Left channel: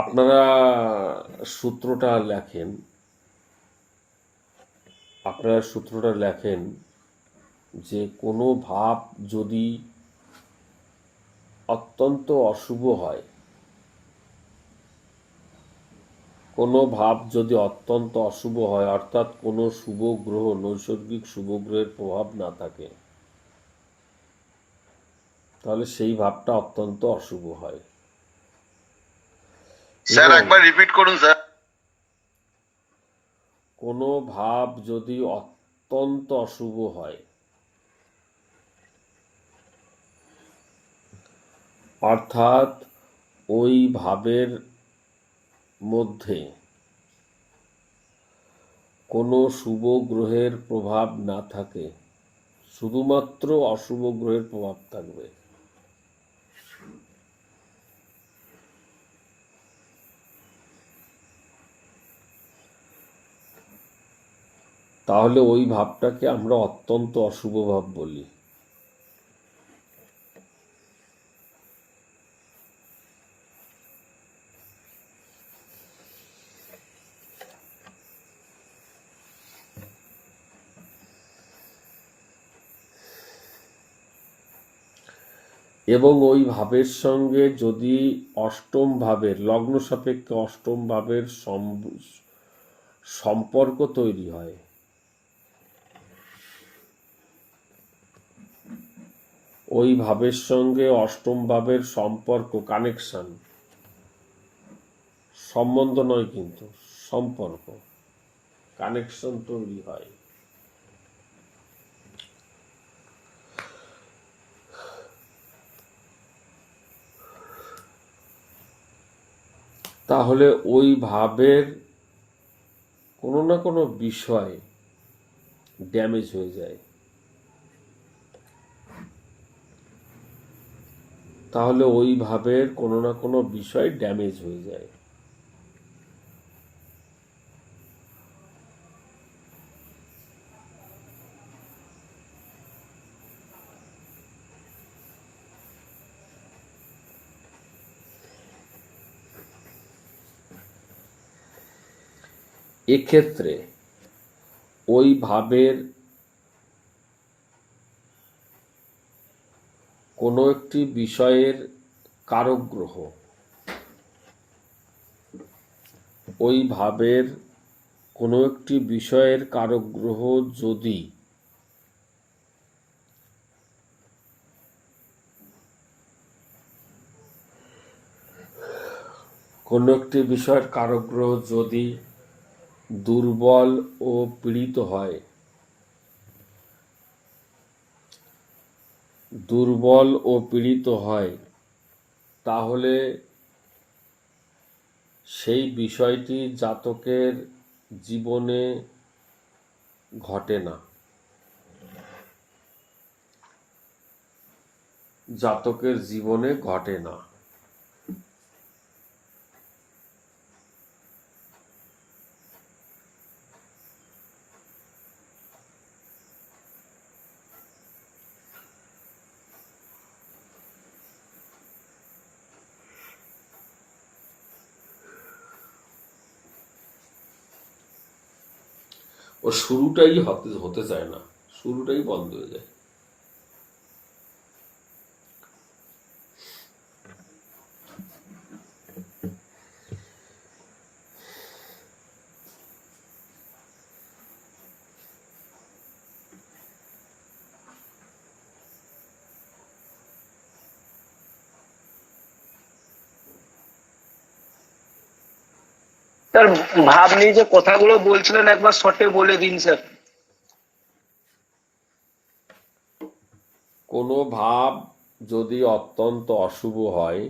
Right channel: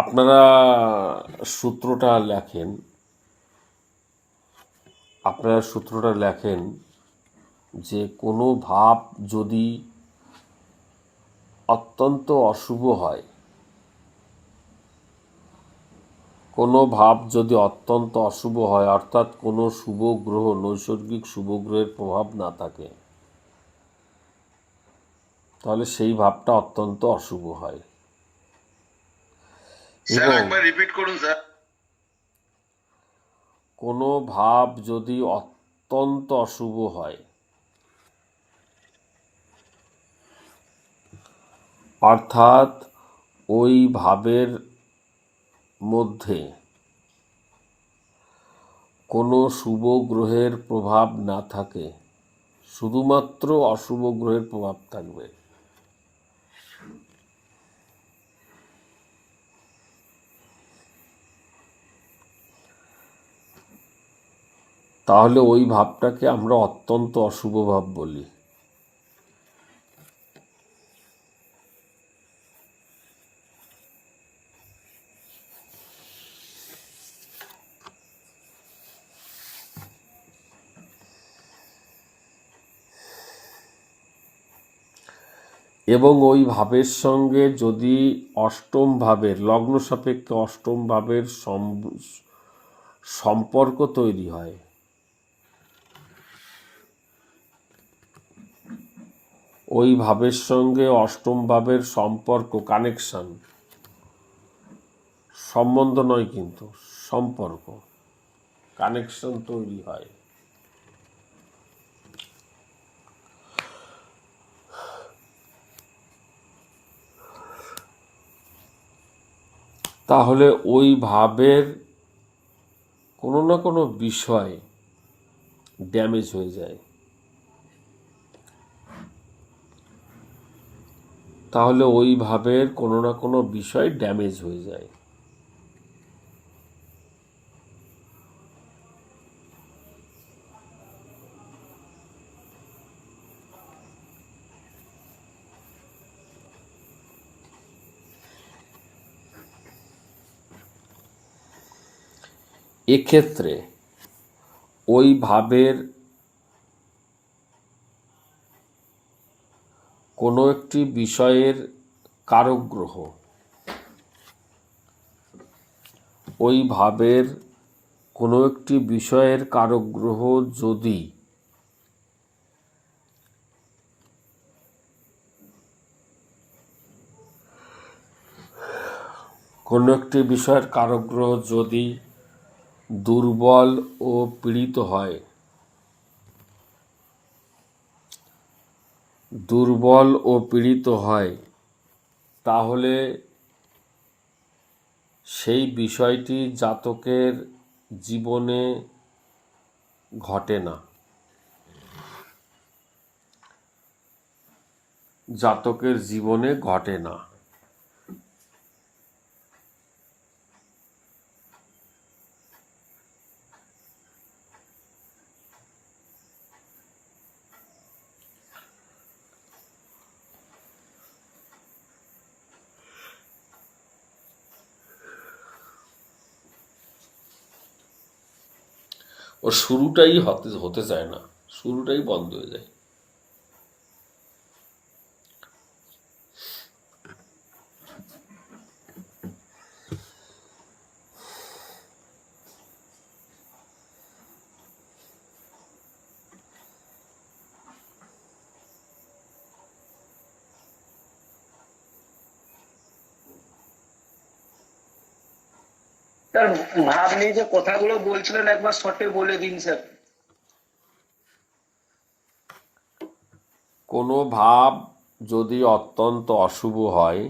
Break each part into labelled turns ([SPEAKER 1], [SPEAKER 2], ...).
[SPEAKER 1] আপনারা সূত্রটা লেখেন, আপনারা সূত্রটা লেখেন যে কোনো ভাব যদি অত্যন্ত অশুভ হয়, কোনো ভাব যদি অত্যন্ত অশুভ হয়, অর্থাৎ কোনো শুভ গ্রহ, নৈসর্গিক শুভ গ্রহের প্রভাব না থাকে, তাহলে সেই ভাবটা অত্যন্ত অশুভ হয়।
[SPEAKER 2] স্যার একবার রিপিট করুন স্যার।
[SPEAKER 1] কোনো ভাব যদি অত্যন্ত অশুভ হয় অর্থাৎ ওই ভাবের মধ্যে কোনো শুভ গ্রহের প্রভাব না থাকে শুধুমাত্র অশুভ গ্রহের প্রভাব থাকবে। তাহলে ওই ভাবটাকে আমরা অত্যন্ত অশুভ ভাব বলি। এবং ওই ভাবের সঙ্গে যদি অষ্টম ভাবের লগ্ন সাপেক্ষে অষ্টম ভাবের সম- সম্পর্ক তৈরি হয় ওই ভাবের সঙ্গে অষ্টম ভাবের সম্পর্ক কানেকশন সম্বন্ধ নয় কিন্তু, সম্পর্ক। কানেকশন তৈরি হয়। তাহলে ওই ভাবের কোনো না কোনো বিষয় ড্যামেজ হয়ে যায়। তাহলে ওই ভাবের কোনো না কোনো বিষয় ড্যামেজ হয়ে যায়। এক্ষেত্রে ওই ভাবের কোনো একটি বিষয়ের কারক গ্রহ ওই ভাবের কোনো একটি বিষয়ের কারক গ্রহ যদি কোনো একটি বিষয়ের কারক গ্রহ যদি দুর্বল ও পীড়িত হয় দুর্বল ও পীড়িত হয়, তাহলে সেই বিষয়টি জাতকের জীবনে ঘটে না। জাতকের জীবনে ঘটে না। ও শুরুটাই হতে হতে চায় না। শুরুটাই বন্ধ হয়ে যায়।
[SPEAKER 3] স্যার, ভাব নিয়ে যে কথাগুলো বলছিলেন, একবার শর্টে বলে দিন, স্যার।
[SPEAKER 1] কোনো ভাব যদি অত্যন্ত অশুভ হয়,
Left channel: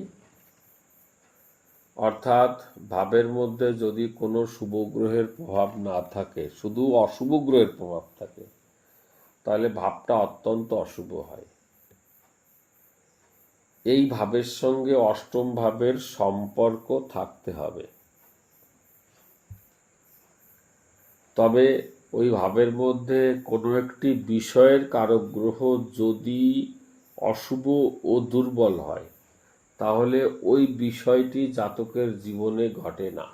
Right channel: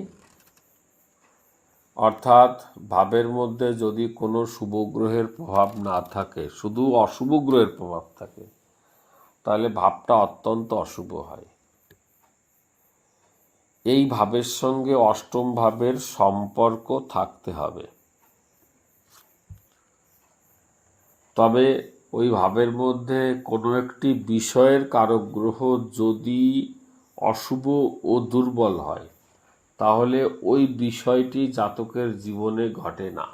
[SPEAKER 1] অর্থাৎ ভাবের মধ্যে যদি কোনো শুভ গ্রহের প্রভাব না থাকে, শুধু অশুভ গ্রহের প্রভাব থাকে, তাহলে ভাবটা অত্যন্ত অশুভ হয়। এই ভাবের সঙ্গে অষ্টম ভাবের সম্পর্ক থাকতে হবে। তবে ওই ভাবের মধ্যে কোনো একটি বিষয়ের কারক গ্রহ যদি অশুভ ও দুর্বল হয়, তাহলে ওই বিষয়টি জাতকের জীবনে ঘটে না।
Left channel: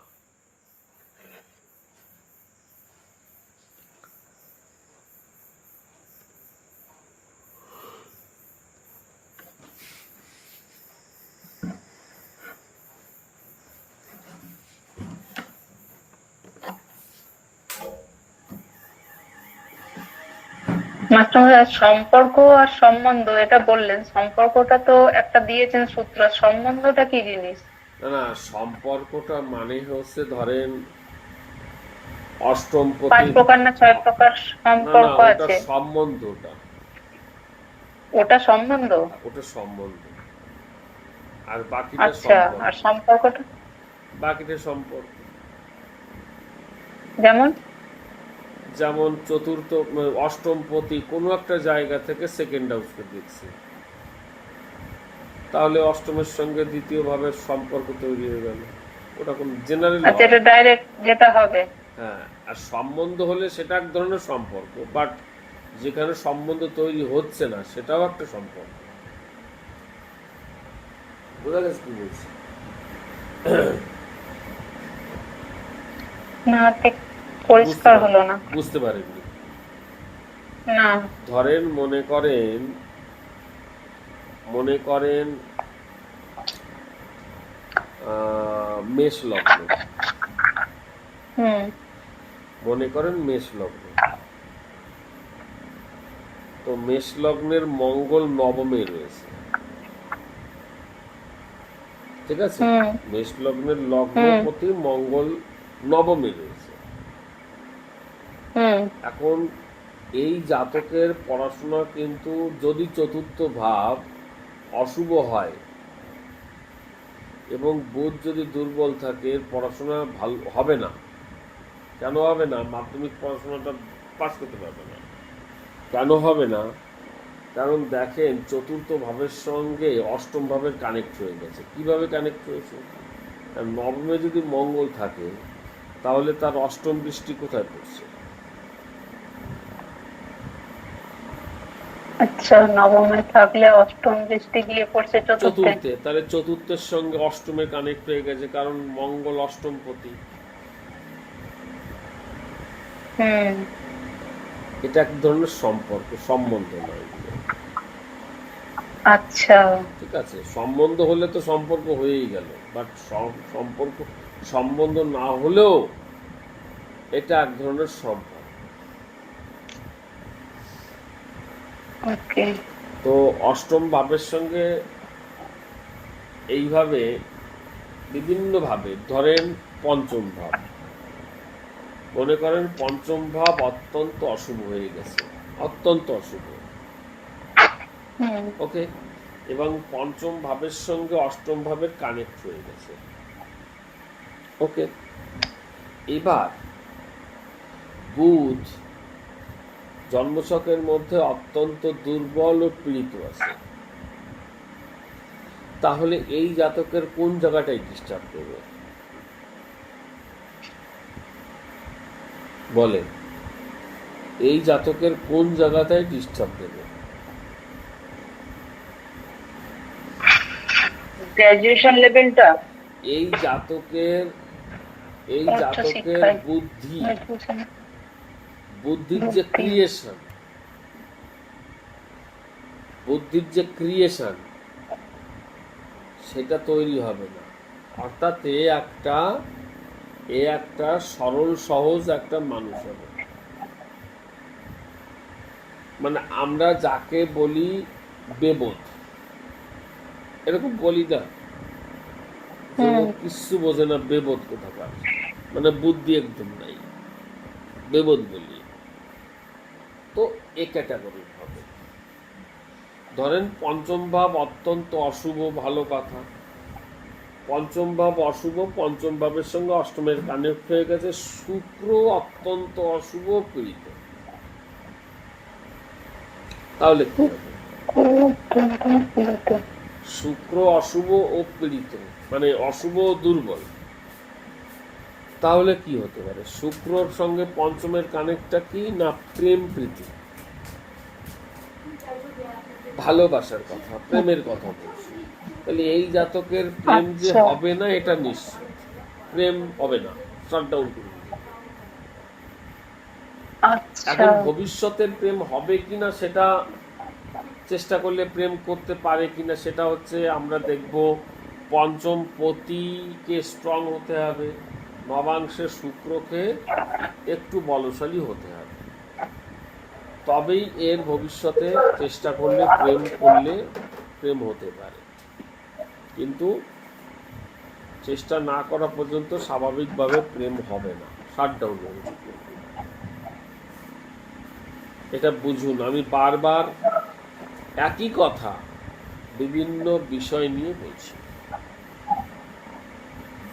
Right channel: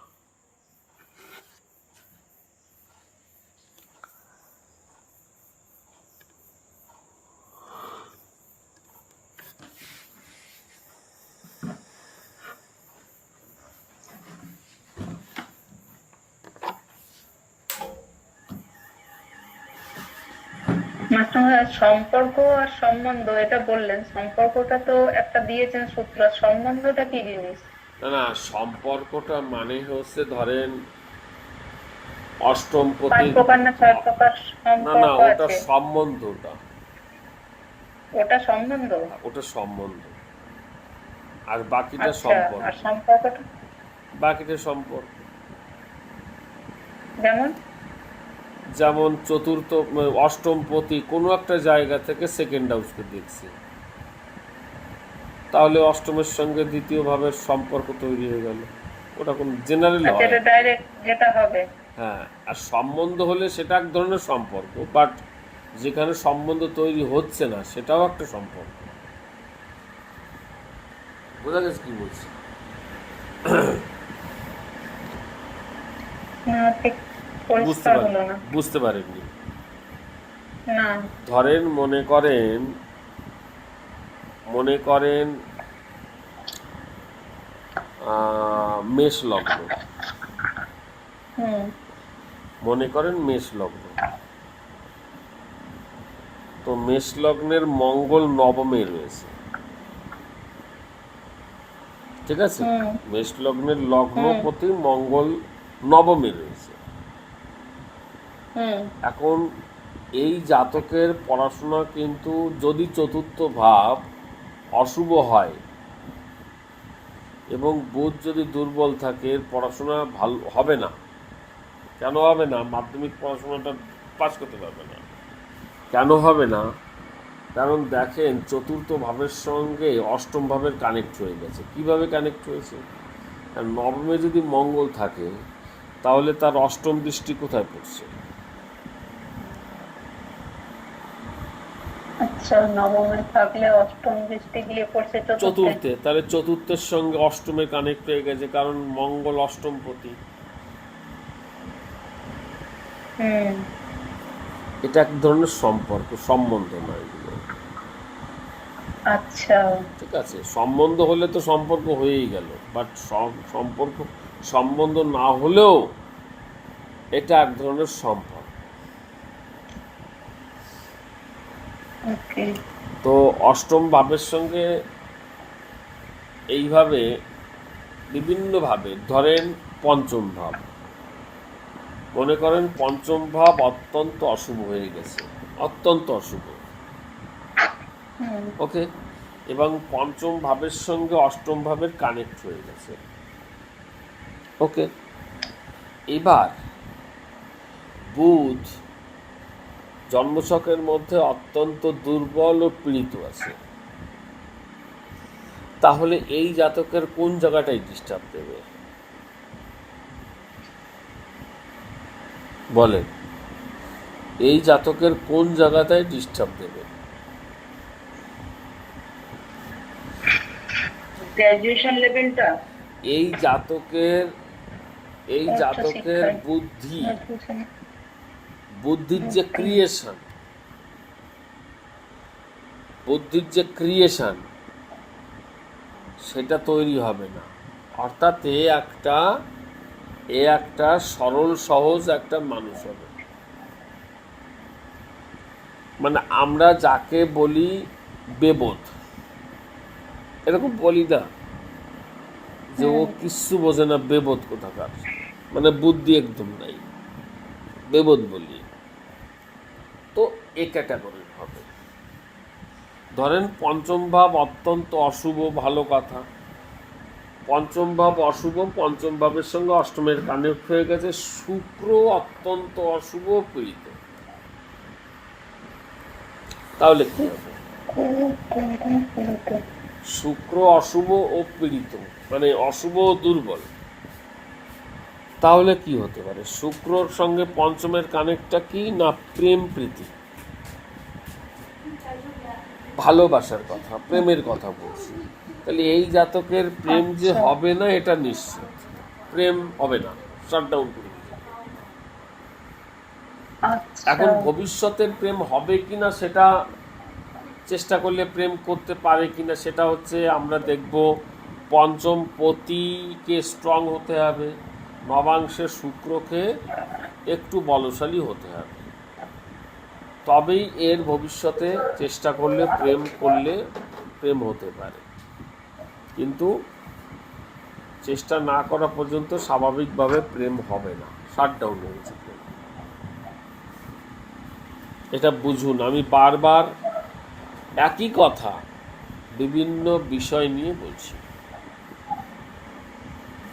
[SPEAKER 2] মাস্টার সম্পর্ক আর সম্বন্ধ এটা বললেন সম্পর্কটা তো একটা দিয়েছেন সূত্র সম্বন্ধটা কি জিনিস?
[SPEAKER 1] না সম্পর্কটা মানে হচ্ছে ধরেন অষ্টম
[SPEAKER 2] পাঁচ প্রকার না ছয় প্রকার সম্পর্ক
[SPEAKER 1] ওটা
[SPEAKER 2] আছে?
[SPEAKER 1] সম্বন্ধটা।
[SPEAKER 2] ওটা সম্বন্ধ?
[SPEAKER 1] ওটা সম্বন্ধ। আর বাকিটা
[SPEAKER 2] আচ্ছা
[SPEAKER 1] সম্পর্ক।
[SPEAKER 2] আর সম্পর্কটা?
[SPEAKER 1] বাকিটা সম্পর্ক।
[SPEAKER 2] যেমন?
[SPEAKER 1] যেমন চতুর্থ অষ্টম পতি কোনো একটা জায়গা থেকে সেকেন্ড হাউসকে দেখছি। তাহলে অষ্টমের সঙ্গে দ্বিতীয় ভাবের সম্পর্ক তৈরি হয়ে গেল। ওটা কোন জেনারেল
[SPEAKER 2] আচ্ছা এটা ডাইরেক্ট যেটা হবে।
[SPEAKER 1] হ্যাঁ আর সম্বন্ধ হলে সেটা এক ধরনের সম্পর্ক বাট যেখানে সম্বন্ধ তৈরি হচ্ছে না সেটাও একটা সম্পর্ক। বোঝা গেছে কি বলছি?
[SPEAKER 2] না পরিষ্কার হলো না।
[SPEAKER 1] বুঝতে পারেননি
[SPEAKER 2] না।
[SPEAKER 1] ধরেন মনে করেন মনে করেন মেষ লগ্ন।
[SPEAKER 2] হুম।
[SPEAKER 1] মনে করেন মেষ লগ্ন। তো মেষ লগ্নের মঙ্গল নবমে রয়েছে। ঠিক আছে। মেষ লগ্নের লগ্নপতি মঙ্গল নবমে রয়েছে। এখন এই জাতকের পড়াশোনা কিন্তু যদি চতুর্থ ভাব অশুভ হয় এবং বোধ যদি দুর্বল থাকে, পড়াশোনা ভালো হবে না। কেন হবে না? মাধ্যমিক পড়াশোনাটা পাস করতে পারবে না। কেন হবে না? কারণ দেখেন, চতুর্থ ভাবের সঙ্গে অষ্টম ভাবের কানেক্ট হয়ে গেছে। কীভাবে কানেক্ট হয়েছে? নবমে যদি মঙ্গল থাকে, তাহলে তার অষ্টম দৃষ্টি কোথায় পড়ছে?
[SPEAKER 2] নবমে থাকলে অষ্টম দৃষ্টি গিয়ে পড়ছে চতুর্থে।
[SPEAKER 1] তাহলে চতুর্থের সঙ্গে অষ্টমে কানেক্ট হয়ে গেছে কারণ মঙ্গল অষ্টম
[SPEAKER 2] হুম।
[SPEAKER 1] এটা এক ধরনের সম্পর্ক সম্বন্ধ নয়
[SPEAKER 2] আচ্ছা।
[SPEAKER 1] ঠিক আছে সম্বন্ধ হলে তো সম্পর্ক হয়েই গেল বাট সম্পর্ক সম্বন্ধ না হলেও এটা এক ধরনের সম্পর্ক
[SPEAKER 2] ওকে
[SPEAKER 1] তো অষ্টম ভাবের সঙ্গে এইভাবে বিভিন্নভাবে ধরেন পঞ্চম ভাব। মনে করেন পঞ্চম ভাব অত্যন্ত অশুভ হয়ে গেছে অত্যন্ত অশুভ। ওকে? এবং পঞ্চম ভাবের সঙ্গে অষ্টম ভাবের কানেক্ট হয়ে গেছে। ওকে? এবার বুধ জন্মছকের মধ্যে অত্যন্ত দুর্বল ও পীড়িত আছে। তাহলে এই জাতকের কোন জায়গাটাই ডিস্টার্ব দেবে? বলেন এই জাতকের কোন জায়গাটাই ডিস্টার্ব দেবে?
[SPEAKER 2] লেভেলটা
[SPEAKER 1] এই জাতকের এই জাতকের বুদ্ধি বুদ্ধির যে ক্রিয়েশন বুদ্ধির যে ক্রিয়েশন সেটা তৈরি হবে না। অর্থাৎ এ একটা এ একটা সরল সহজ একটা মানুষ হবে। মানে আমরা যাকে বলি বেবোধ এরকম বলি না। যে ও কিচ্ছু বোঝে না বেবোধ কোথাকার। মানে বুদ্ধি একদম নাই। বেবোধ বলি। এ ক্যাটাগরি হবে। ধরেন পঞ্চম ভাব অত্যন্ত অশুভ, ভালো কথা। পঞ্চম ভাব অশুভ, পঞ্চম ভাবের সঙ্গে অষ্টমের কানেক্ট হয়ে গেছে। শুক্র অত্যন্ত অশুভ, পীড়িত। তাহলে হবে? শুক্র অশুভ ও পীড়িত মানে অশুভ ও দুর্বল। তাহলে কি হতে পারে? শুক্রর সঙ্গে পঞ্চমের কানেক্টটা কি? না প্রেম প্রীতি। ভালোবাসার কথা প্রেমের কথা বলছি। তাহলে এই জাতকের প্রেম যে
[SPEAKER 2] আচ্ছা।
[SPEAKER 1] হবে না এটা নিশ্চিত। প্রেম হবে না শাটডাউন করে
[SPEAKER 2] আচ্ছা।
[SPEAKER 1] এখন ভবিষ্যতের প্রেম হবে কিনা সেটা চেষ্টা করলে প্রেম করতে পারে কিনা সেটা হচ্ছে আমরা দেখব পঞ্চম পতিকে স্ট্রং হতে হবে নবাংশে শুক্রকে একটু বলশালী হতে হবে। তবেই এর ভবিষ্যতে চেষ্টা করলে প্রেম করলে প্রেম হতে পারে। কিন্তু চেষ্টা না করা পর্যন্ত স্বাভাবিকভাবে প্রেম হবে না। শাটডাউন হয়েছে প্রেম এটা বুঝুন আমি বারবার একই কথা বিভিন্ন বিষয় নিয়ে বলছি।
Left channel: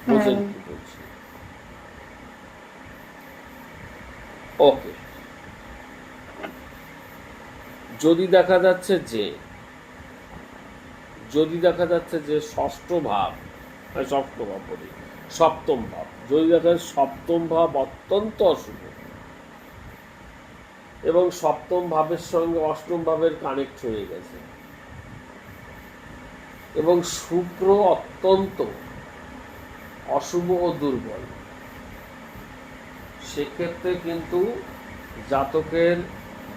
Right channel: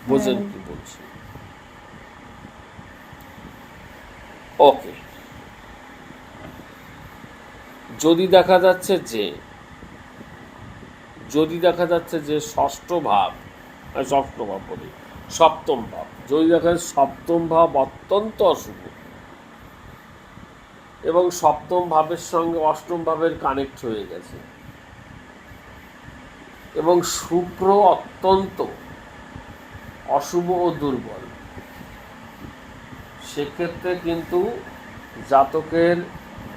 [SPEAKER 1] বোঝেন কি বলছি? ওকে যদি দেখা যাচ্ছে যে যদি দেখা যাচ্ছে যে ষষ্ঠ ভাব আহ, ষষ্ঠ ভাব বলি সপ্তম ভাব যদি দেখা যাচ্ছে সপ্তম ভাব অত্যন্ত অশুভ এবং সপ্তম ভাবের সঙ্গে অষ্টম ভাবের কানেক্ট হয়ে গেছে এবং শুক্র অত্যন্ত অশুভ ও দুর্বল সেক্ষেত্রে কিন্তু জাতকের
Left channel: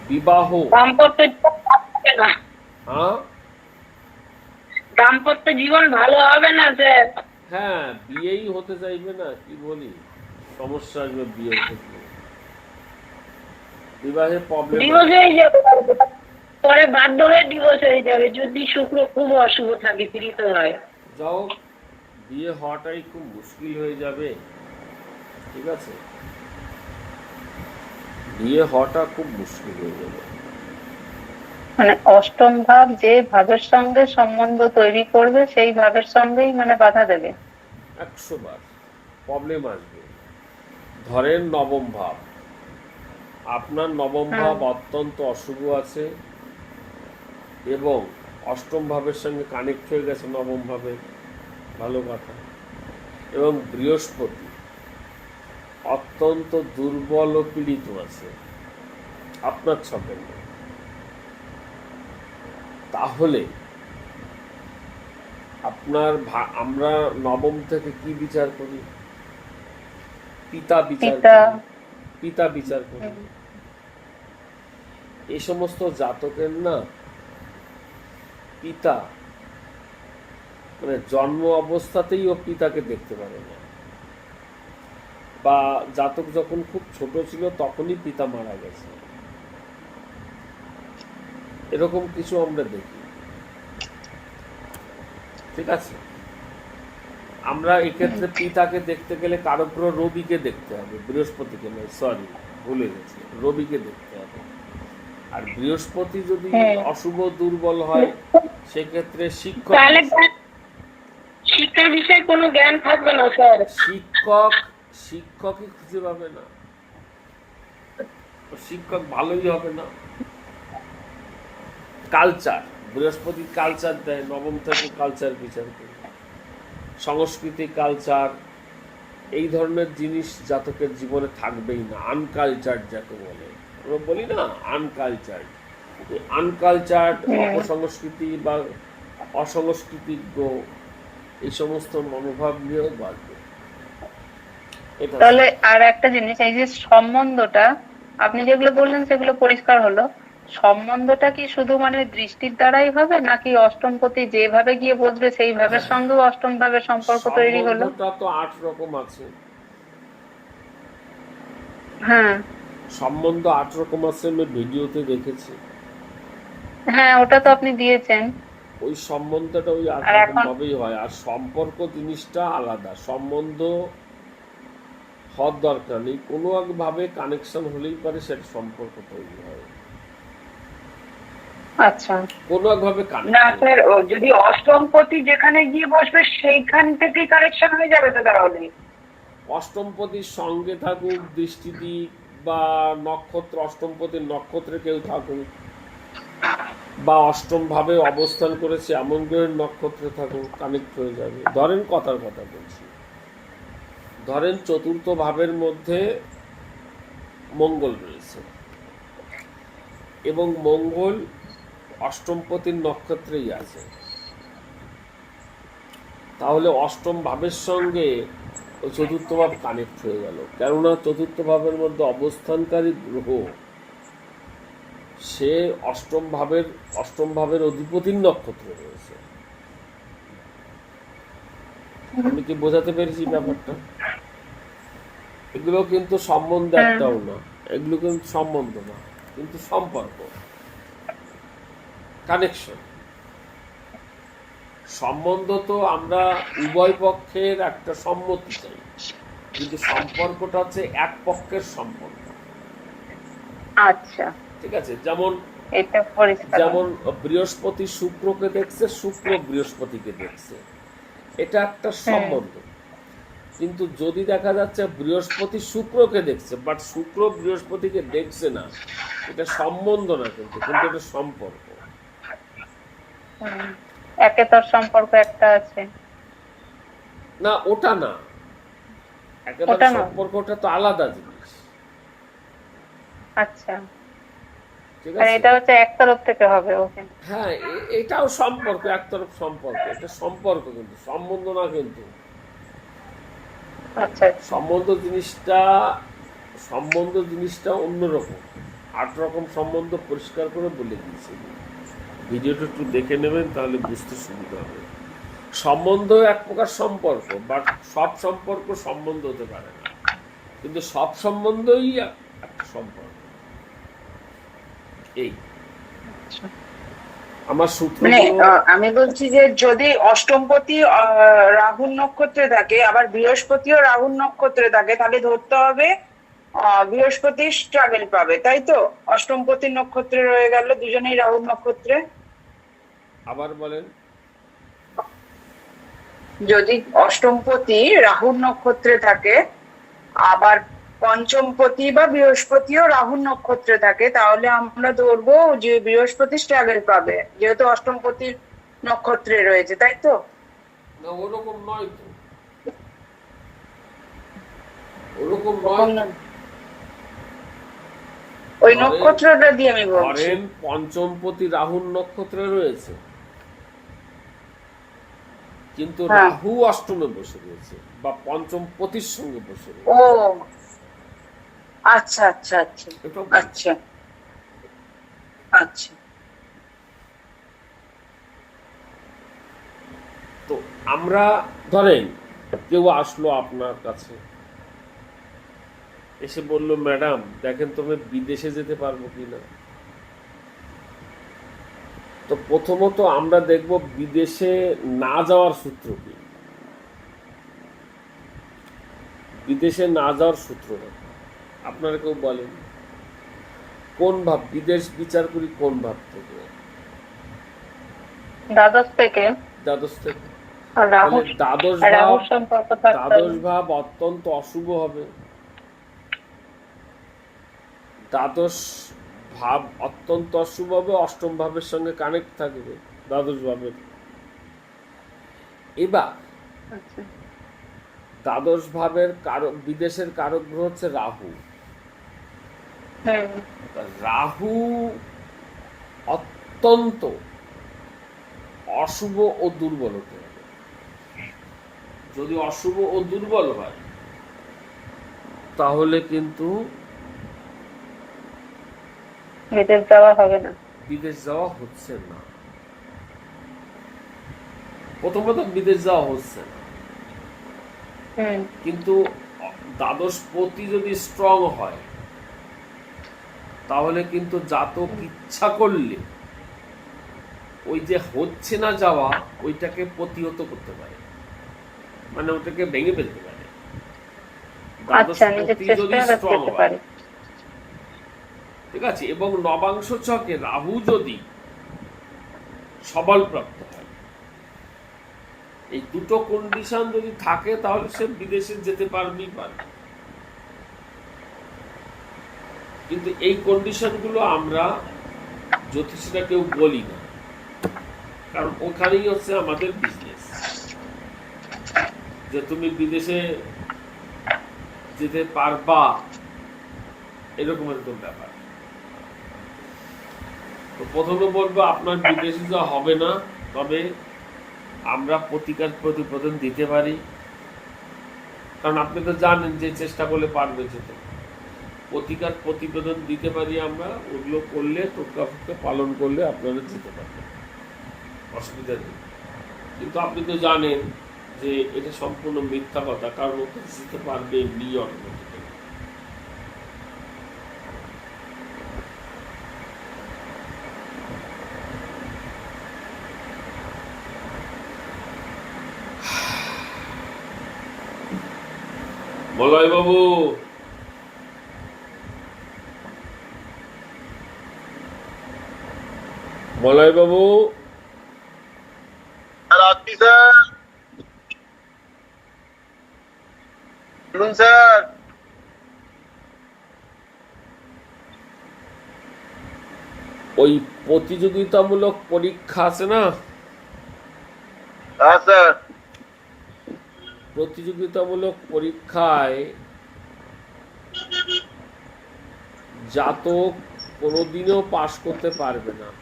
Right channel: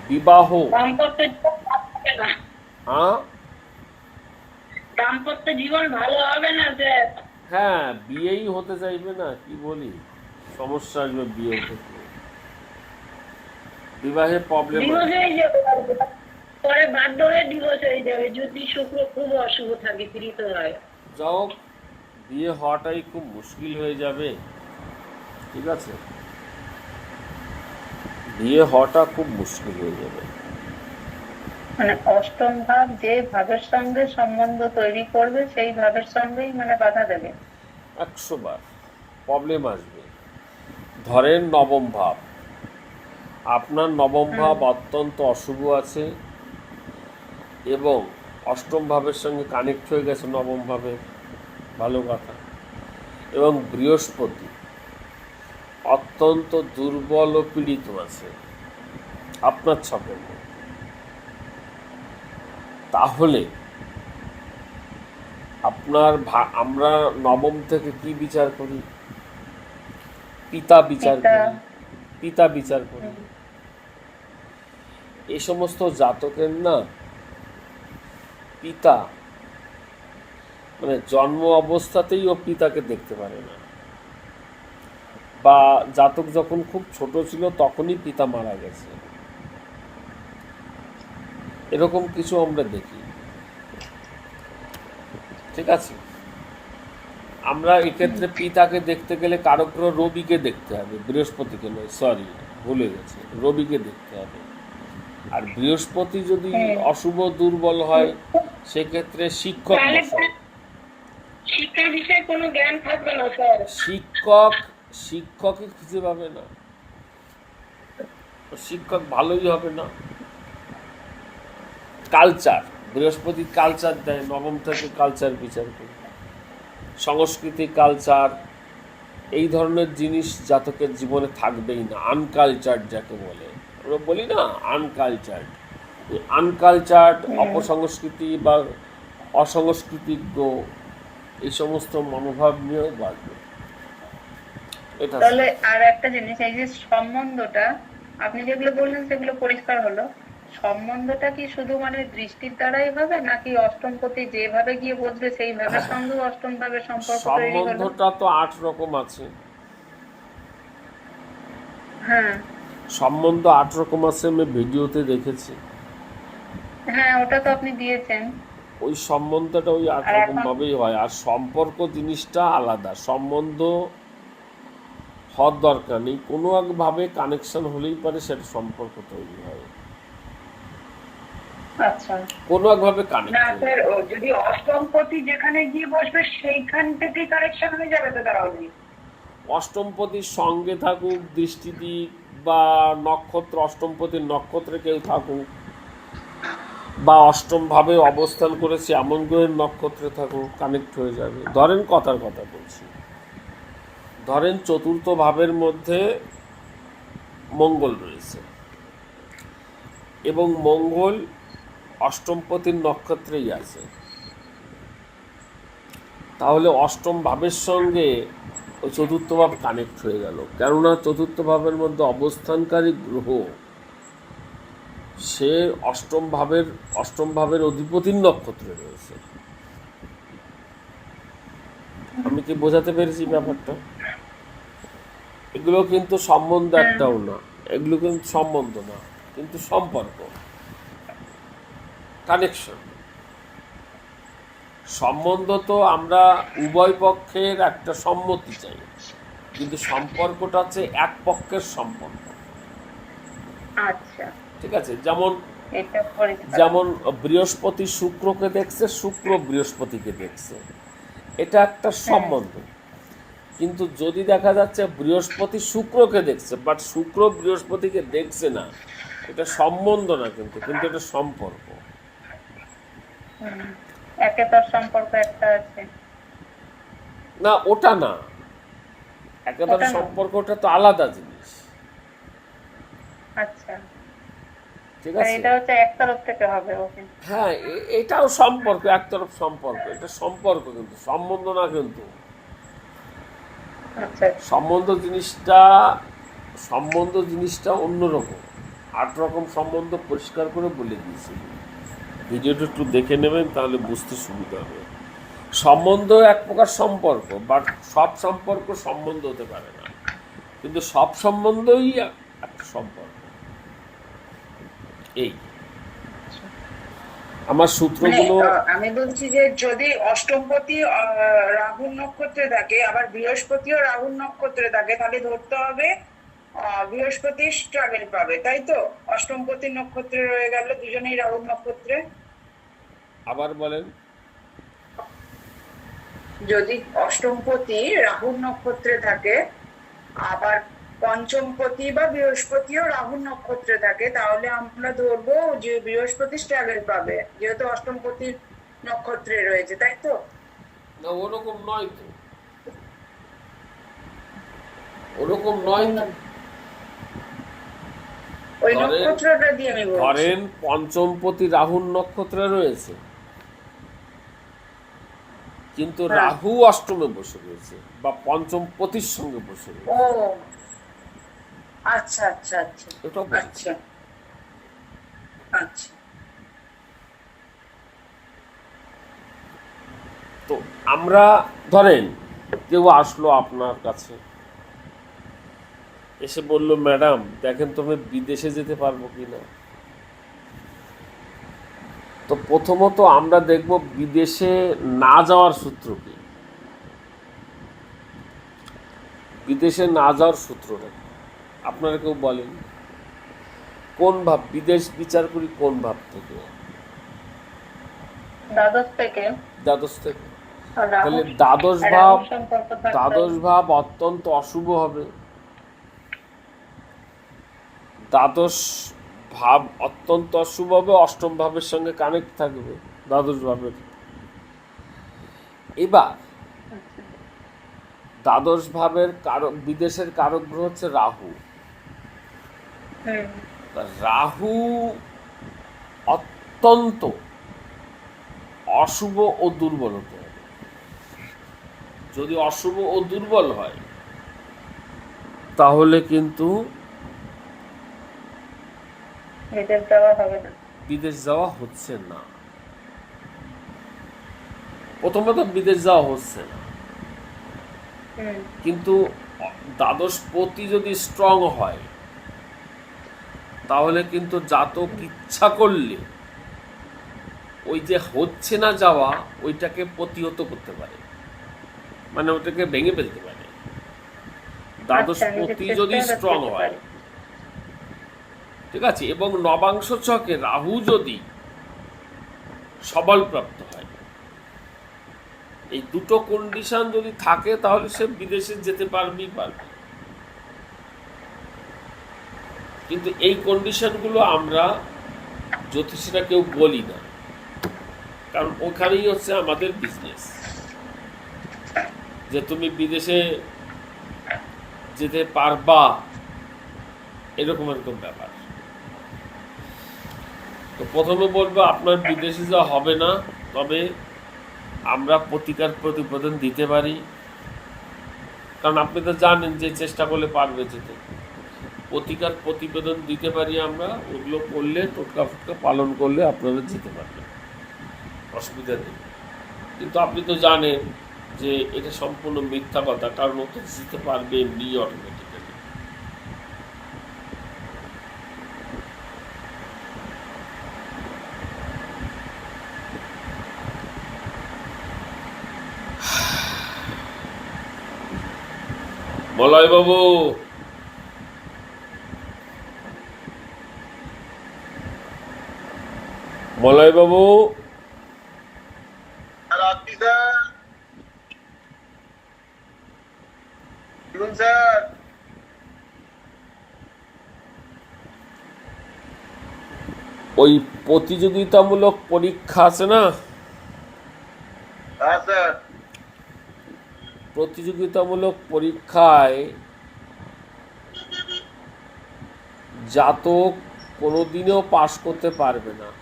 [SPEAKER 1] বিবাহ।
[SPEAKER 2] দাম্পত্য জীবন ভালো হবে না।
[SPEAKER 1] হ্যাঁ?
[SPEAKER 2] দাম্পত্য জীবন ভালো হবে না স্যার।
[SPEAKER 1] হ্যাঁ বিয়েই হতে চাইবে না কি বলি? সমস্যা আসবে বিয়ে থেকে বিবাহে প্রবলেম
[SPEAKER 2] ডিভোর্স হয়ে যাবে পরে বাধ্য হয়ে ডিভোর্স হয়ে যাবে। যদি শুক্র খুব অশুভ থাকে পীড়িত হয়।
[SPEAKER 1] যাও বিয়ে হওয়াটাই খুব মুশকিল হয়ে যাবে। ঠিক আছে? বিয়ে হওয়াটা খুব মুশকিল হয়ে যাবে।
[SPEAKER 2] মানে অষ্টম ভাব যে ভাবের সঙ্গে সম্বন্ধ তৈরি করবে সেই ভাবের সঙ্গেই মানে বাধা দেবে।
[SPEAKER 1] একশো বার। প্রবলেম আসবে। ধরেন নবম ভাব। আপনার নবম ভাব অত্যন্ত অশুভ আছে এবং অষ্টম ভাবের সঙ্গে কানেক্ট হয়ে গেছে নবম ভাবে। ভালো কথা। এবং বৃহস্পতি। অত্যন্ত দুর্বল ও পীড়িত আছে। আপনার ছকের তাহলে আপনার আমরা নবম থেকে কি বিচার করি? পিতা বিচার
[SPEAKER 2] পিতা।
[SPEAKER 1] করি। পিতা বিচার করি। এই সমস্ত জাতকের না পিতা মানে জন্ম অবস্থাতেই ও পিতাকে দেখতে পারে না। বা জাতক যখন খুব ছোট ছিল তখনই পিতা মারা গেছে এরকম কিছু আমরা দেখি ঠিক আছে আমরা এক্ষেত্রে পিতাকে দেখতে গেলে কারগ্রহ রবিকে দেখতে হবে বৃহস্পতিকে নয় সরি ভুলে গেছি রবিকে দেখতে হবে আর বৃহস্পতি যদি
[SPEAKER 2] হ্যাঁ।
[SPEAKER 1] অশুভ দুর্বল হয় সেক্ষেত্রে শিক্ষক।
[SPEAKER 2] শিক্ষার বিষয়ে কোনো জ্ঞান থাকবে না স্যার
[SPEAKER 1] শিক্ষক শিক্ষকই খুঁজে পাবে না। শিক্ষক ভালোই হবে না। কালচার বৃহস্পতি কালচার দেয় নবম থেকে কালচার বিচার করে। সংস্কৃতি কালচার এই ধরনের জিনিস জাতকের জীবনে থাকবেই না। আনকালচার যাকে বলে। আমরা বলি না আনকালচার্ড আনকালচার্ড অপসংস্কৃতি বা অসংস্কৃতিজ্ঞ এই সমস্ত মনোভাব নিয়ে বাঁচবে।
[SPEAKER 2] তাহলে আর একটা জিনিস এই যে সম্বন্ধটা আপনি যেগুলো বললেন সেগুলো পরিষ্কার হলো। সম্বন্ধটা কি শুধু মানে দৃষ্টির দ্বারাই হবে নাকি অষ্টমপতি যেভাবে গিয়ে বসবে সেই ভাবের সঙ্গেও অষ্টম ভাবের সম্পর্ক তৈরি হলো?
[SPEAKER 1] তো আট রকম আছে।
[SPEAKER 2] হ্যাঁ।
[SPEAKER 1] সম্বন্ধ আট রকম আছে আমি ভিডিওতে দেখেছি।
[SPEAKER 2] হ্যাঁ ওটা তো আপনি দিয়েছেন।
[SPEAKER 1] ওই সম্বন্ধটা ওই আট রকম ভাবেই হয়। আর সম্পর্ক জিনিসটা আলাদা। সম্বন্ধ হওয়ার দরকার নেই। কোনো একভাবে কানেকশন হলেই পারে সেটা সম্পর্ক তৈরি হয়।
[SPEAKER 2] আচ্ছা।
[SPEAKER 1] কোনো একভাবে
[SPEAKER 4] না স্যার যদি অষ্টমপতি যেখানে গিয়ে বসবে সেইখান থেকেই কারেকশন হয়ে যাবে তো তাহলে?
[SPEAKER 1] অষ্টমপতির সঙ্গে থাকুক দৃষ্টি দিক বা নক্ষত্র অষ্টমপতির নক্ষত্রে কেউ থাকুক বা অষ্টম ভাবে অবস্থান করেছে এমন গ্রহের নক্ষত্রে থাকুক কানেক্ট হয়ে যাবে। ধরেন কথার কথা বলছি। ধরেন চতুর্থ ভাবের মধ্যে মঙ্গল রয়েছে। এবং মঙ্গল অষ্টমপতির নক্ষত্রেই আছে। তাহলে অষ্টম ভাবের সঙ্গে ও চতুর্থ ভাব কানেক্ট হয়ে গেল। কেননা চতুর্থ ভাবের মধ্যে অবস্থানকারী গ্রহ, সে অষ্টম ভাবের অষ্টম ভাবের অধিপতির নক্ষত্রে রয়েছে। আমি কি বোঝাতে পেরেছি ব্যাপারটা? এগুলো কিন্তু সম্বন্ধ একটাও না। এগুলো কিন্তু সম্বন্ধ না কিন্তু সম্পর্ক। কানেকশন সম্বন্ধ তো আমরা উভয় পক্ষের একটা সম্মতি চাই। কিন্তু সম্পর্কটা হচ্ছে এক পক্ষের সম্পর্ক
[SPEAKER 2] আচ্ছা।
[SPEAKER 1] ঠিক আছে? যেমন যেমন বৃহস্পতি শুক্রকে দেখছে শুক্র বৃহস্পতিকে দেখছে। এটা একটা সম্বন্ধ। কিন্তু যদি দেখা যাচ্ছে বৃহস্পতি শুক্রকে দেখছে বাট শুক্র বৃহস্পতিকে দেখছে না এটা সম্বন্ধ না কিন্তু কিন্তু এটা সম্পর্ক।
[SPEAKER 2] একে তোর সম্পর্ক একটা আছে।
[SPEAKER 1] না ওটা না। একেবারে
[SPEAKER 2] ওটা
[SPEAKER 1] সম্পর্কটা তো আলাদা জিনিস।
[SPEAKER 2] আচ্ছা।
[SPEAKER 1] ঠিক আছে?
[SPEAKER 2] এটা হচ্ছে থেকে হবে ওকে।
[SPEAKER 1] হ্যাঁ এটাও সম্পর্ক একতরফ সম্পর্ক। এটা সম্পর্ক কিন্তু সম্বন্ধ না কিন্তু।
[SPEAKER 2] আচ্ছা।
[SPEAKER 1] সম্বন্ধ জিনিসটা সম্বন্ধ জিনিসটা অন্যরকম। আট রকম সম্বন্ধ পরিষ্কার করে বলে দিয়েছি। ভিডিওটা একটু দেখে নেবেন তাহলে বুঝতে সুবিধা হবে। সম্বন্ধ এক প্রকার সম্পর্ক বাট সব সম্পর্ক সম্বন্ধ হতে পারে না। কিন্তু সব সম্বন্ধই এক- একটা সম্পর্ক। এই। আমার
[SPEAKER 4] মানে
[SPEAKER 1] সূত্রগুলো
[SPEAKER 4] আহ, আমি বলছি যে যদি অষ্টমপতি রাহুর নক্ষত্রে থাকে আবার বৃহস্পতিও রাহুর নক্ষত্রে থাকে তাহলে ধরতে হবে বৃহস্পতি স্ট্রাগল পাবে তাই তো? অষ্টমপতি নক্ষত্রে রয়ে গেল দুজনেই রাহুর নক্ষত্রে।
[SPEAKER 1] আবার বলেন।
[SPEAKER 4] যদি অষ্টমপতি রাহুর নক্ষত্রে থাকে আবার পঞ্চমপতি বা বৃহস্পতিও রাহুর নক্ষত্রে থাকে তাহলে আমরা ধরবো যে বৃহস্পতি স্ট্রাগল পাবে যেহেতু অষ্টমপতি নক্ষত্রে রয়েছে তাই তো?
[SPEAKER 1] না ওরকম নয় তো। ওরকম নয়
[SPEAKER 4] ওই নক্ষত্রটা দিয়ে আমি বলছি।
[SPEAKER 1] ধরেন পঞ্চমপতি রাহুর নক্ষত্রে রয়েছে। কিন্তু
[SPEAKER 4] হ্যাঁ।
[SPEAKER 1] রাহু অষ্টমে বসে রয়েছে বা পঞ্চমপতির সঙ্গে বসে রয়েছে।
[SPEAKER 4] ও আচ্ছা আচ্ছা আচ্ছা।
[SPEAKER 1] এটাও
[SPEAKER 4] আচ্ছা। আচ্ছা।
[SPEAKER 1] তো আমরা ধরেন কেউ আসলো আপনার কাছে। এসে বলল ম্যাডাম দেখেন তো আমি বিদেশে যেতে পারব কিনা। তো প্রথমত আমরা দেখব বিদেশে না যাওয়ার সূত্র কি? বিদেশে না যাওয়ার সূত্রটা কি? আপনারা কেউ বলেন কোন ভাব বিদেশ বিচার করি কোন ভাব থেকে?
[SPEAKER 2] দ্বাদশ থেকে।
[SPEAKER 1] দ্বাদশ থেকে। তাহলে দ্বাদশ ভাব দ্বাদশ ভাব অত্যন্ত অশুভ হবে। দ্বাদশ ভাব অত্যন্ত অশুভ হবে অষ্টম ভাবের সঙ্গে কানেক্ট থাকবে দ্বাদশ ভাবের। এবার
[SPEAKER 2] আচ্ছা।
[SPEAKER 1] দ্বাদশ ভাবের কারক বিদেশের কারক গ্রহ হচ্ছে রাহু। রাহু অত্যন্ত অশুভ ও দুর্বল হতে হবে। যদি অশুভ ও দুর্বল হয় তাহলে কিন্তু
[SPEAKER 2] বিদেশ যাওয়া হবে না।
[SPEAKER 1] বিদেশ যাওয়া হচ্ছে না। প্রথমত বিদেশ যাওয়া হচ্ছে না। কিন্তু দ্বাদশ পতি যদি স্ট্রং হয় তাহলে কিন্তু জাতক ইচ্ছা করলে ওই যে হচ্ছে না যাওয়া ওইটাকে প্রতিহত করতে পারে। মানে ওটাকে ভেঙে ফেলতে পারে।
[SPEAKER 2] আচ্ছা
[SPEAKER 1] যদি স্ট্রং হয় ঠিক আছে? এবং নবাংশ ছকে রাহু যদি সবলপ্রাপ্ত হয় এই দুটো কন্ডিশন যদি থাকে তাহলে সে বিদেশে যেতে পারবেই পারবে। কিন্তু এই কন্ডিশনগুলো আমরা জ্যোতিষীরা কেউ বলি না। কারণ ওখানেই হচ্ছে আমাদের বিজনেস যে তুমি বিদেশে যেতে পারবা, এরকম এরকম ব্যাপার। তো প্রথমে বলব, আপনার বিদেশে যা হবে না, তবে আমরা প্রতিকার প্রতিবেদন দিতে পারি। কারণ আপনি তো জানেন যে চেষ্টা করলে পারবে যেতে। প্রতিকার প্রতিবেদন দিতে পারি আমরা ওগুলো করলে টোটকা ফোটকা পালন করলে আপনারা যেতে পারবেন। অসুবিধা নেই। কিন্তু আপনি তো জানেন যে এটা সম্পূর্ণ মিথ্যা কথা কার মধ্যে যেতে পারবে এমনি অটোমেটিক্যালি মলয় বাবু মলয় বাবু
[SPEAKER 3] স্যার বলুন স্যার।
[SPEAKER 1] ওই প্রতিযোগিতামূলক পরীক্ষা আছে না?
[SPEAKER 3] হ্যাঁ স্যার।
[SPEAKER 1] প্রতিযোগিতামূলক পরীক্ষায় জাতক কোনোদিনও পাশ করতে পারবে না।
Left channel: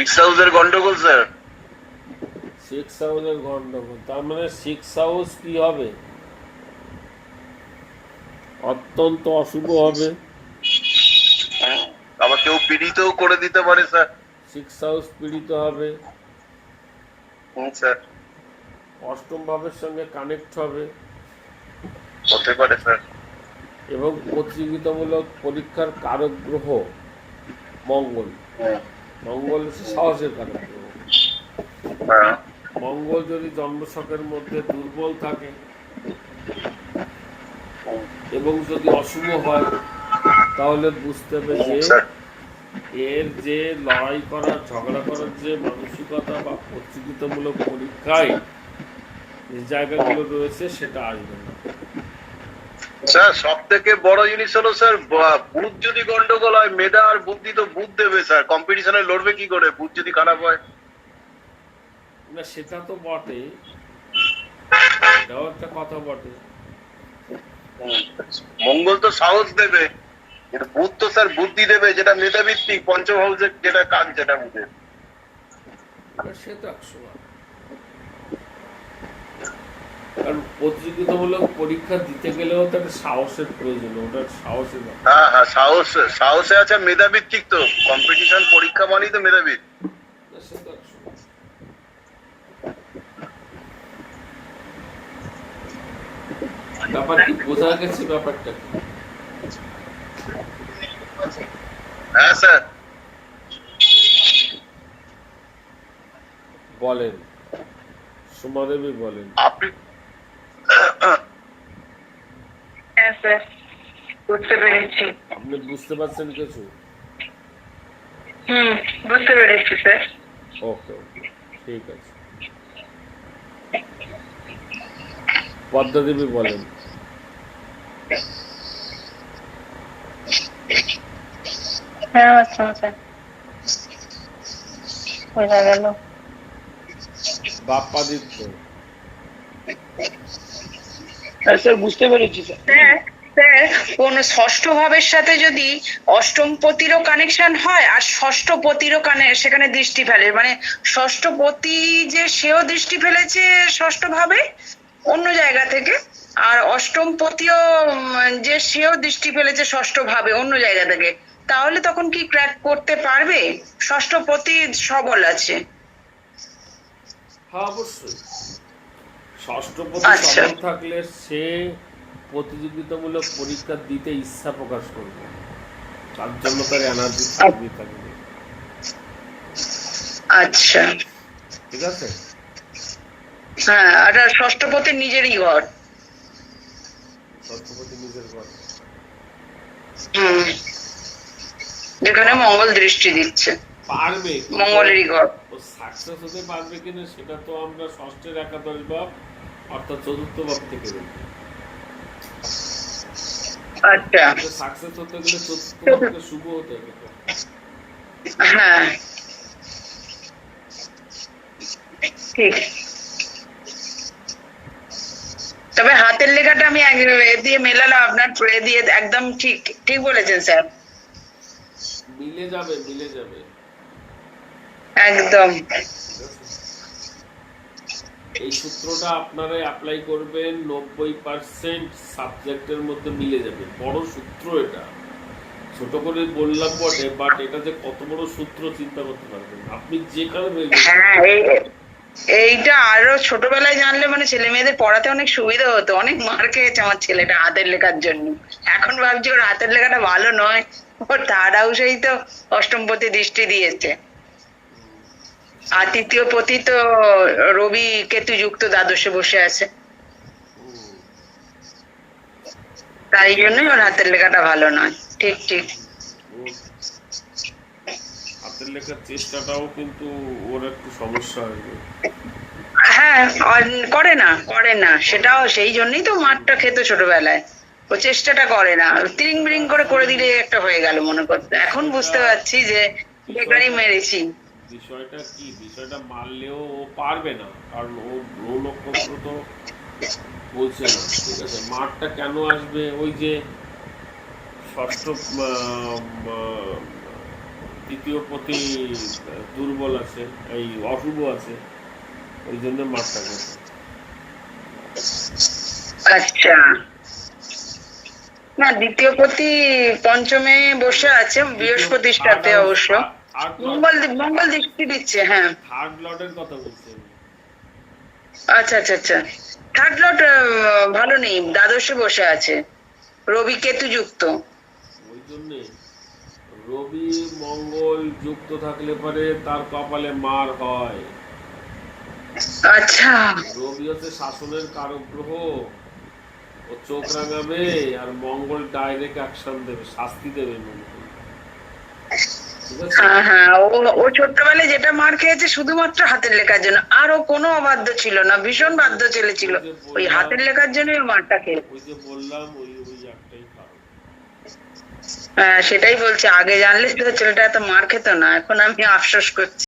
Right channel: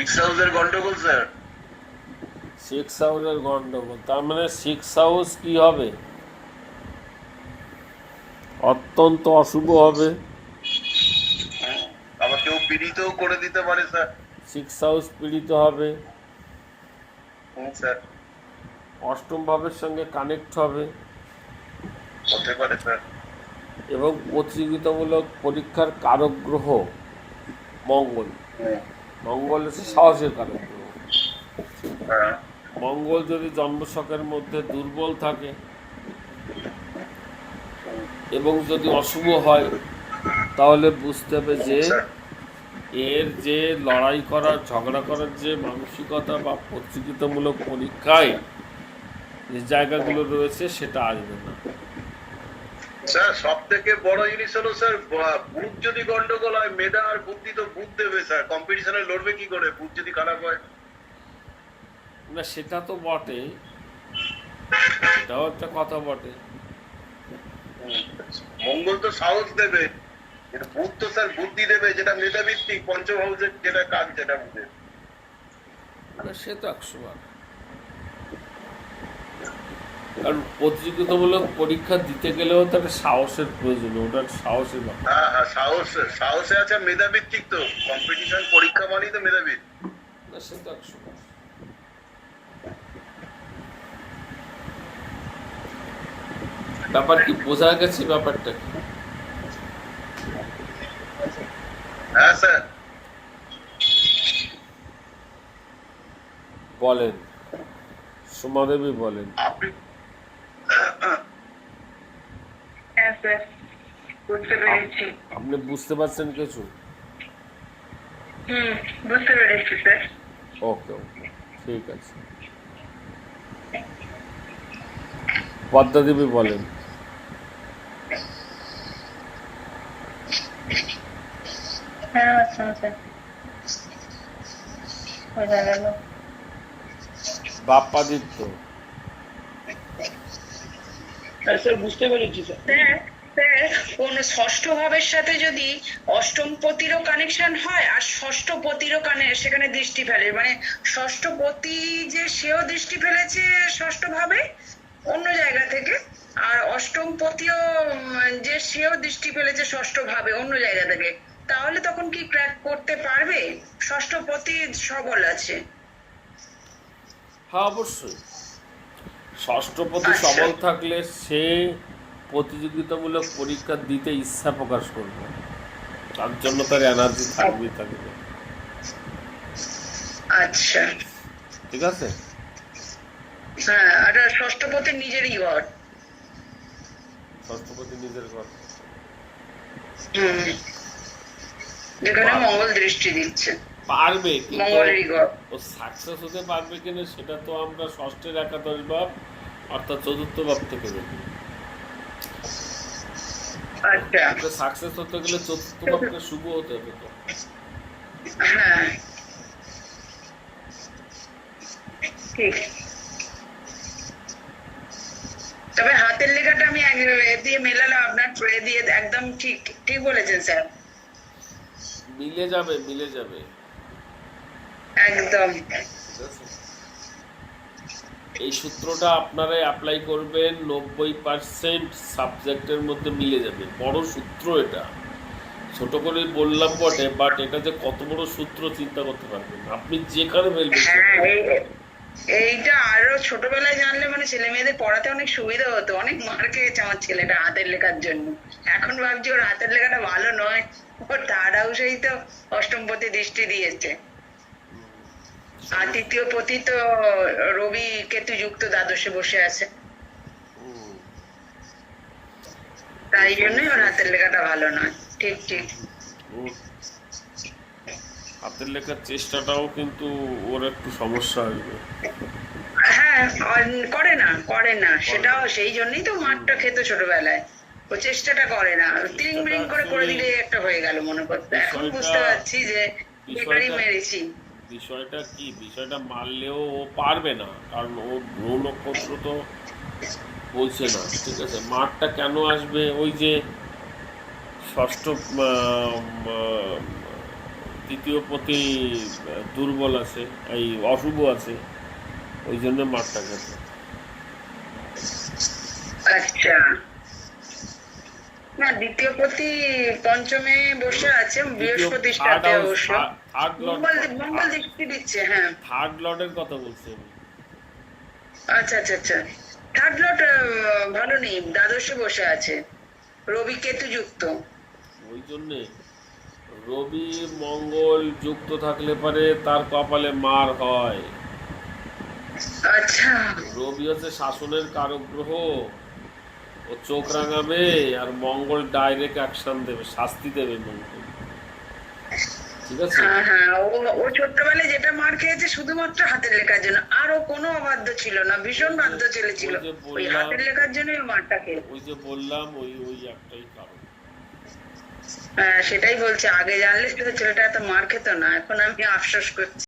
[SPEAKER 3] সিক্স হাউসের গন্ডগোল স্যার
[SPEAKER 1] সিক্স হাউসের গন্ডগোল। তার মানে সিক্স হাউস কি হবে? অত্যন্ত অশুভ হবে।
[SPEAKER 3] আবার কেউ পীড়িতও করে দিতে পারে স্যার
[SPEAKER 1] সিক্স হাউস পীড়িত হবে।
[SPEAKER 3] স্যার
[SPEAKER 1] অষ্টম ভাবের সঙ্গে কানেক্ট হবে।
[SPEAKER 3] হতে পারে স্যার
[SPEAKER 1] এবং প্রতিযোগিতামূলক পরীক্ষার কারক গ্রহ মঙ্গল।
[SPEAKER 3] হুম,
[SPEAKER 1] মঙ্গল সাহসের গ্রহ
[SPEAKER 3] হ্যাঁ।
[SPEAKER 1] মঙ্গল যদি জন্মছকের মধ্যে দুর্বল থাকে এবং যদি অশুভ হয় তাহলে বুঝতে হবে যে এর যে লড়াই করার ঝগড়া করার যে মানসিকতা বা প্রতিযোগিতামূলক পরীক্ষায় যে জায়গাগুলো রয়েছে সেটা আসবে না।
[SPEAKER 3] স্যার সব থেকে বড় জিনিস হলো স্যার বা- বুধ যদি গন্ডগোল হয় মেধা আর বুদ্ধি তো বুধ দেবে স্যার। কম্পিটিশনে লড়বে কি করে? বুধ যদি খারাপ হয়।
[SPEAKER 1] না সেটা তো বটে এটাও একটা কথা বটে
[SPEAKER 3] মঙ্গল তো সাহস দেবে। বুধ তো স্যার বুদ্ধি দেবে যেটা মেধাভিত্তিক পঞ্চম হাউসের যেটা কাজ যেটা বুঝে।
[SPEAKER 1] সে তো একশো। কারণ প্রতিযোগিতামূলক পরীক্ষা দিতে গেলেও তো একটা সাহসের প্রয়োজন ওটা সাহসই না
[SPEAKER 3] হ্যাঁ হ্যাঁ সাহস সাহসে আছে মেধাভিত্তিক তো কম্পিটিশন পরীক্ষা মানেই তো
[SPEAKER 1] বার। ব্যাপার কি বোঝা গেছে ব্যাপারটা কি?
[SPEAKER 3] হ্যাঁ স্যার।
[SPEAKER 1] বলেন। সুমাদেবী বলেন।
[SPEAKER 3] আপনি
[SPEAKER 2] হ্যাঁ স্যার বুঝতে পেরেছি।
[SPEAKER 1] আপনি বুঝতে পারছেন কিছু?
[SPEAKER 2] হুম বুঝতে পেরেছি স্যার।
[SPEAKER 1] ওকে ওকে ঠিক আছে। পদ্মা দেবী বলেন।
[SPEAKER 2] হ্যাঁ আচ্ছা স্যার বোঝা গেল।
[SPEAKER 1] বাপ্পাদিত্য।
[SPEAKER 3] হ্যাঁ স্যার বুঝতে পেরেছি স্যার।
[SPEAKER 4] কোন ষষ্ঠ ভাবের সাথে যদি অষ্টম পতিরও কানেকশন হয় আর ষষ্ঠ পতিরও কানে সেখানে দৃষ্টি ফেলে মানে ষষ্ঠ পতি যে সেও দৃষ্টি ফেলেছে ষষ্ঠ ভাবে অন্য জায়গা থেকে আর অষ্টম পতিও যে সেও দৃষ্টি ফেলেছে ষষ্ঠ ভাবে অন্য জায়গা থেকে তাহলে তখন কি ক্র্যাক করতে পারবে? ষষ্ঠ পতি সবল আছে।
[SPEAKER 1] হ্যাঁ অবশ্যই। ষষ্ঠপতি
[SPEAKER 4] আচ্ছা।
[SPEAKER 1] সবল থাকলে সে প্রতিযোগিতামূলক পরীক্ষা দিতে ইচ্ছা প্রকাশ করবে। তার জন্য তার এনার্জি থাকবে থাকবে।
[SPEAKER 4] আচ্ছা।
[SPEAKER 1] ঠিক আছে?
[SPEAKER 4] হ্যাঁ আর ষষ্ঠ পতির নিজেরই ঘর।
[SPEAKER 1] ষষ্ঠপতি নিজের ঘর।
[SPEAKER 4] হুম। যেখানে মঙ্গল দৃষ্টি দিচ্ছে।
[SPEAKER 1] পারবে
[SPEAKER 4] মঙ্গলেরই ঘর।
[SPEAKER 1] ও সাকসেস হতে পারবে কিনা সেটা তো আমরা ষষ্ঠের একাদশ ভাব অর্থাৎ চতুর্থ ভাব থেকে দেখি
[SPEAKER 4] আচ্ছা।
[SPEAKER 1] সাকসেস হতে গেলে চতুর্থ ভাবকে শুভ হতে হবে
[SPEAKER 4] হ্যাঁ। ঠিক। তবে হাতের লেখাটা আমি দিয়ে মেলালাম আপনার এ দিয়ে একদম ঠিক ঠিক বলেছেন স্যার।
[SPEAKER 1] মিলে যাবে মিলে যাবে।
[SPEAKER 4] একদম।
[SPEAKER 1] এই সূত্রটা আপনারা অ্যাপ্লাই করবেন নব্বই পার্সেন্ট সাবজেক্টের মধ্যে মিলে যাবে। বড় সূত্র এটা। ছোট করে বললাম বটে বাট এটা যে কত বড় সূত্র চিন্তা করতে পারবেন আপনি যেখানে বলবেন
[SPEAKER 4] হ্যাঁ এইটা আরও ছোটবেলায় জানলে মানে ছেলে মেয়েদের পড়াতে অনেক সুবিধা হতো। অনেক মার খেয়েছে আমার ছেলেটা হাতের লেখার জন্য। এখন ভাবছি ওর হাতের লেখাটা ভালো নয়। ওর থার্ড হাউসেই তো অষ্টমপতি দৃষ্টি দিয়েছে। আর তৃতীয় পতি তো রবি কেতু যুক্ত দ্বাদশে বসে আছে। তাই জন্যই ওর হাতের লেখাটা ভালো নয়। ঠিক ঠিক।
[SPEAKER 1] হাতের লেখার চেষ্টাটাও কিন্তু ওর একটু সমস্যা
[SPEAKER 4] হ্যাঁ করে না করে না। সেটাও সেই জন্যই তো মারটা খেত ছোটবেলায়। ও চেষ্টাটা করে না। তিরিং বিরিং করে করে দিলে একটা হয়ে গেল মনে করতে। এখন বুঝতে পারছি যে বেকারই মেরেছি।
[SPEAKER 1] বিষয়টা কি? বিষয়টা মারলেও ও পারবে না। কারণ ও গ্রহ নক্ষত্র তো বলছে না ঠিক আছে? মাঠটা কেন আসবে? ওই যে ষষ্ঠ তৃতীয় প্রতি দুর্বল আছে এই অশুভ আছে ওই জন্য মারটা গেছে
[SPEAKER 4] আচ্ছা। না দ্বিতীয় পতি পঞ্চমে বসে আছে বৃহস্পতির সাথে অবশ্য। মঙ্গল দৃষ্টি দিচ্ছে? হ্যাঁ।
[SPEAKER 1] থার্ড লর্ডের কথা বলছেন
[SPEAKER 4] আচ্ছা আচ্ছা আচ্ছা। থার্ড লট ভালো নেই। দ্বাদশে বসে আছে। রবি কেতু যুক্ত।
[SPEAKER 1] ওই জন্যে রবি মঙ্গল যুক্ত থাকলে পরে তার কপালে মার হয়।
[SPEAKER 4] আচ্ছা।
[SPEAKER 1] রবি হচ্ছে শাসনের কারক গ্রহ ও চোখ রাঙাবে আর মঙ্গল ডাইরেক্ট অ্যাকশন দেবে শাস্তি দেবে মঙ্গল
[SPEAKER 4] হ্যাঁ হ্যাঁ ও ও ছোট্টবেলায় যেটা মার খেয়েছে শুধুমাত্র হাতের লেখার জন্য। আর ও কোনো অবাধ্য ছিল না ভীষণ বাধ্য ছেলে ছিল। ওই হাতের লেখার জন্যই ওই মারটা খেয়ে
[SPEAKER 1] ওই যে বললাম ওই ওই একটাই
[SPEAKER 4] হ্যাঁ সেটাই বলছে। আগে জানলে ছেলেটা এত মার খেত না এখন আমি আফসোস করছি।